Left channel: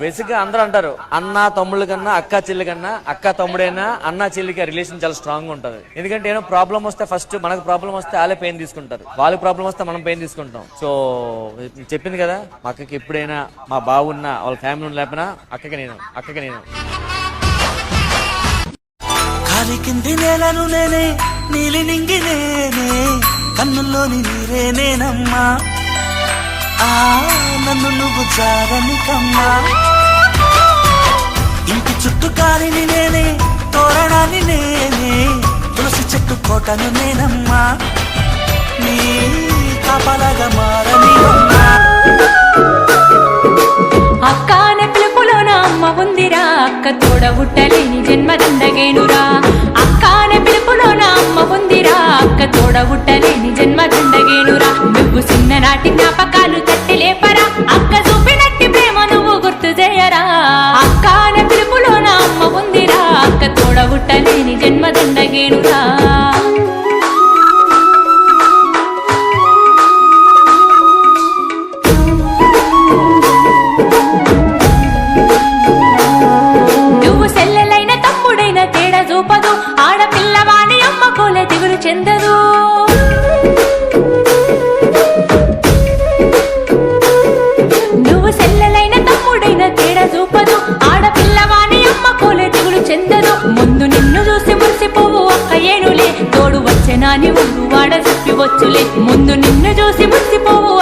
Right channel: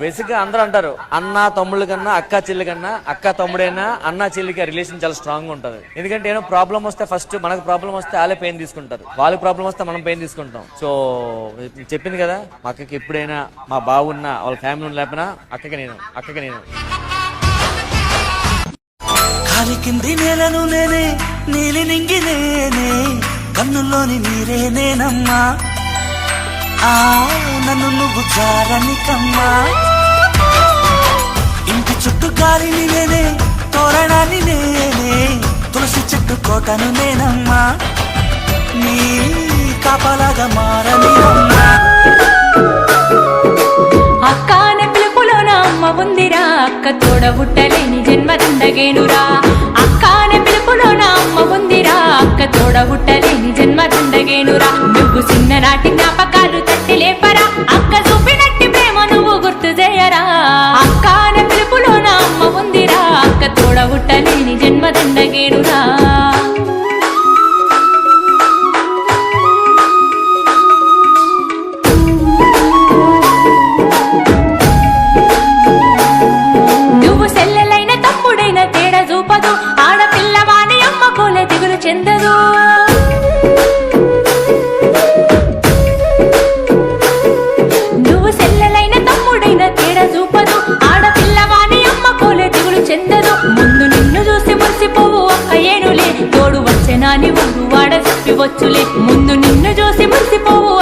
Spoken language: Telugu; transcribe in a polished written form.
బేసిక్ గా అందరూ అంటారు అన్న తమ్ముళ్ళ కన్నా అక్క చెల్లి కన్నా అక్క తమ్ముడైనా అన్న చెల్లికి రిలేషన్ చాలా స్ట్రాంగ్ గా ఉంటది. ఎందుకంటే ఏదో ప్రాబ్లం వస్తే ఫస్ట్ మనకు ప్రాబ్లం వస్తే వాళ్ళే పెయిన్ తీసుకుంటారు, వాళ్ళకి ప్రాబ్లం వస్తే మనం పెయిన్ తీసుకుంటాం. సో చెప్పింది కదా, మా అక్కకి ఎప్పుడైనా మా బావున్నా వాళ్ళ ఫ్యామిలీ ఉన్న లేకపోయినా అక్కకి నేను కాలి కింది నేలను నేనే నీలి నింగి నేనే కన్నుల్లోని నీరే నేనమ్మా నన్ను నువ్వు జారనికమ్మా ఇంటి చుట్టూ కాలిని నేనే తోరణాన్ని నేనే తులసి చెట్టు కోటను నేనమ్మా నీ కాపలాగా మారని అక్క అనే పిలుపులోన అమ్మ ఉందిరా, అక్క తోడబుట్టలేని జన్మదండగేనురా. అక్క అనే పిలుపులోన అమ్మ ఉందిరా, అక్క తోడబుట్టలేని జన్మదండగేనురా. నువ్వు చిన్ననాటి జ్ఞాపకాలు తట్టి లేపరా, అక్క చూపినట్టి ప్రేమ నువ్వు గుర్తు చేయరా. అక్క అనే పిలుపులోన అమ్మ ఉందిరా, అక్క తోడబుట్టలేని జన్మదండగేనురా. నువ్వు సెల్లెలైన తమ్ముడైన తేడా చూపదు, ఆడపిల్లవాని అమ్మ కోలే దిగులు చెందదు. నువ్వు సెల్లెలైన తమ్ముడైన తేడా చూపదు, ఆడపిల్లవాని అమ్మ కోలే దిగులు చెందదు. ముందు నిన్ను చూసి మురిసిపోవు అక్క ఏనులే, తోడు వచ్చెనాని ఊరు వాడ చెప్పి వచ్చులే. ముందు నిన్ను చూసి మురిసిపోవు